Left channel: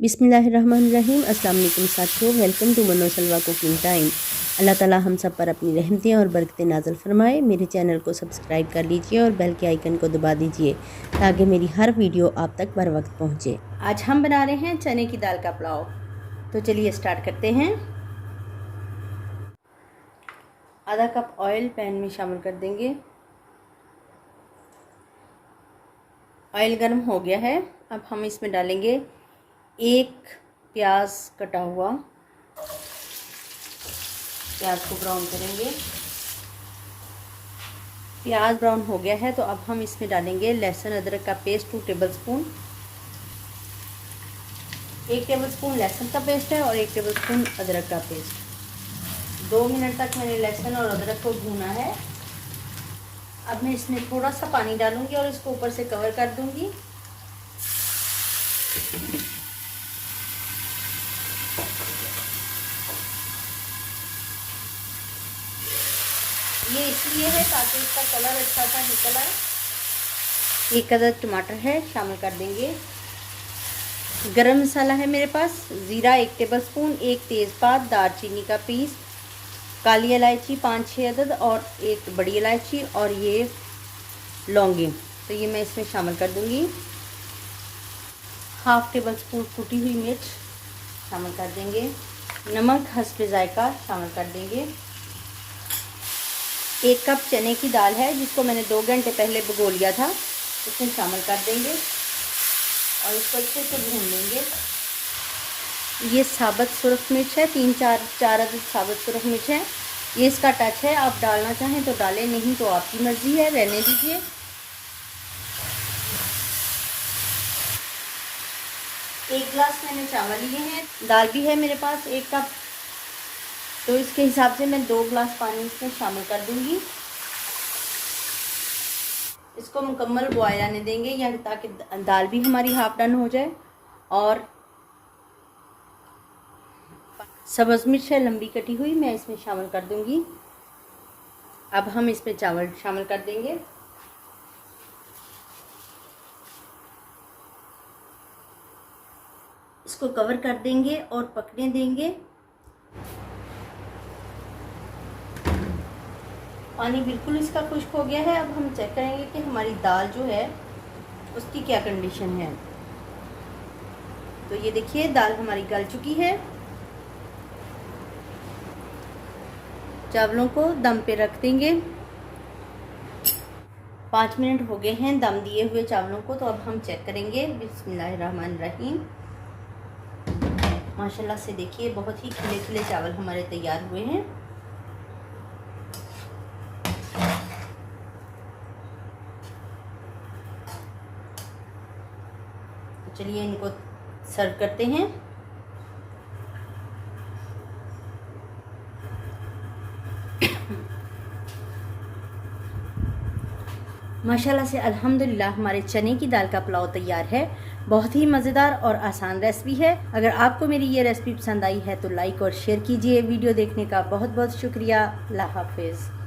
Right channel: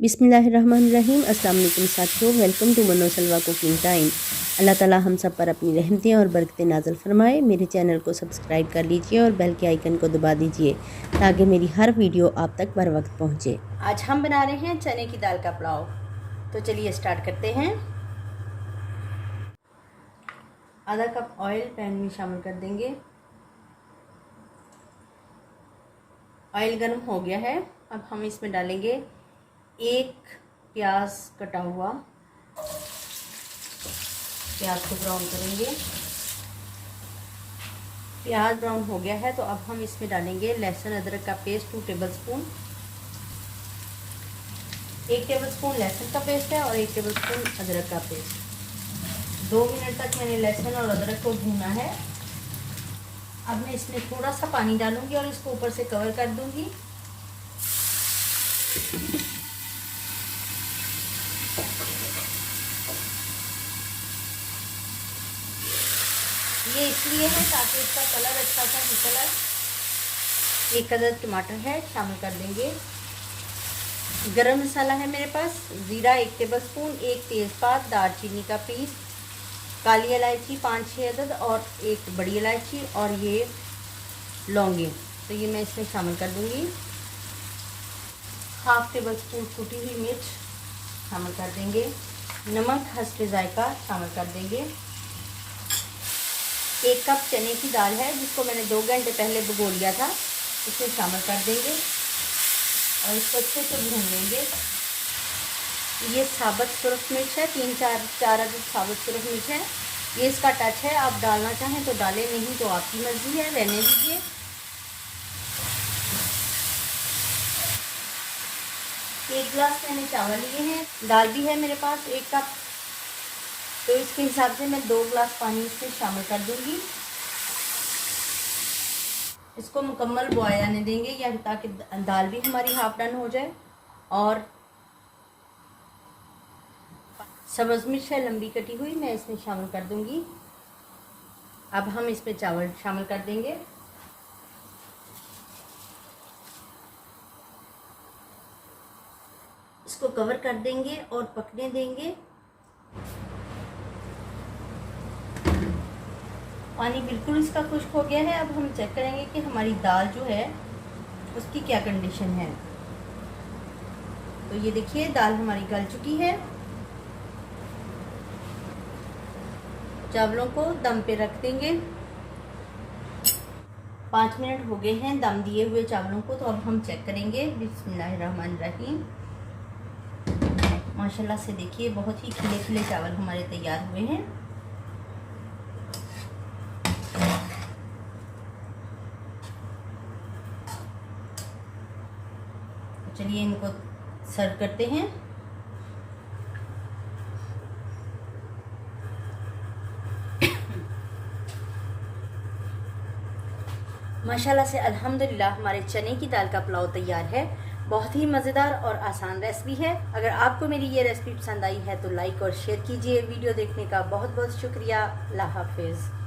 बिस्मिल्लाहिर्रहमानिर्रहीम। अस्सलाम वालेकुम साथियों, वेलकम टू मनो सलवा कुकिंग टाइम। अल्लाह ताला हम सब पर अपनी रहमतें और बरकतें नाज़िल फरमाए। मेरे चैनल को सब्सक्राइब कर लीजिए और बेल के आइकन को दबा दीजिए ताकि मेरी हर वीडियो आप तक बर वक्त पहुँचे। आज हम बना रहे हैं चने की दाल का पुलाव, तो चलिए स्टार्ट करते हैं। आधा कप ऑयल पैन में शामिल कर देंगे। ऑयल गर्म हो गया है। अब हम इसमें डालेंगे एक प्याज कटा हुआ। प्याज को ब्राउन करेंगे। प्याज ब्राउन हो गया है तो अब हम इसमें डालेंगे लहसुन अदरक का पेस्ट 2 टेबलस्पून। 1 टेबलस्पून लहसुन का पेस्ट है और 1 टेबलस्पून अदरक का पेस्ट। 2 मिनट तक मैंने लहसुन और अदरक को भूना है। अब मैं इसमें थोड़ा सा पानी डालूंगी और इसको ऊपर से कवर कर दूंगी। ये इसलिए है ताकि इसका कलर अच्छा सा निकल आए। 1 अदद टमाटर है, शामिल कर देंगे। गरम मसाला है मेरे पास, ज़ीरा 1 टेबलस्पून, 1 तेज़पात, दालचीनी का पीस, काली इलायची 5-6 अदद और 1 बड़ी इलायची और ये लौंगी, तो ये मैं इसमें शामिल कर दूंगी। 1/2 टेबलस्पून कुटी हुई मिर्च शामिल कर देंगे। नमक हस्बे जायका शामिल कर देंगे। 1 कप चने की दाल है जिसको मैंने 2 घंटे पहले भिगो लिया था, इसमें शामिल कर देंगे और इसको अच्छे से भून लेंगे। ये साबुत सुरख मिर्च है, 3-4 अदद साबुत सुरख मिर्च है। ये इसका टच है, आप डालना चाहें तो डालें, नहीं तो आपकी मर्जी है, रहने दीजिए। एक गिलास मैंने चावल लिए हैं। दाल भी है मेरे पास 1 कप, तो इसके हिसाब से मैं 2 गिलास पानी इसमें शामिल कर दूंगी। इसको मुकम्मल बॉयल आने देंगे या ताकि दाल भी हमारी हाफ डन हो जाए। और सब्ज़ मिर्च है लंबी कटी हुई, मैं इसमें शामिल कर दूंगी। अब हम इसमें चावल शामिल कर देंगे। इसको कवर कर देंगे और पकने देंगे। पानी बिल्कुल इसका खुश्क हो गया है। अब हम चेक करेंगे कि हमारी दाल जो है उसकी क्या कंडीशन है। तो ये देखिए दाल हमारी गल चुकी है। चावलों को दम पे रख देंगे। 5 मिनट हो गए हैं दम दिए हुए चावलों को, तो अब हम चेक करेंगे। बिस्मिल्लाहिर्रहमानिर्रहीम। माशाल्लाह से देखिए बहुत ही खिले खिले चावल हमारे तैयार हुए हैं। चलिए इनको सर्व करते हैं। माशाल्लाह से अल्हम्दुलिल्लाह हमारे चने की दाल का पुलाव तैयार है। बहुत ही मज़ेदार और आसान रेसिपी है। अगर आपको मेरी ये रेसिपी पसंद आई है तो लाइक और शेयर कीजिए। वीडियो देखने का बहुत बहुत शुक्रिया। अल्लाह हाफिज़।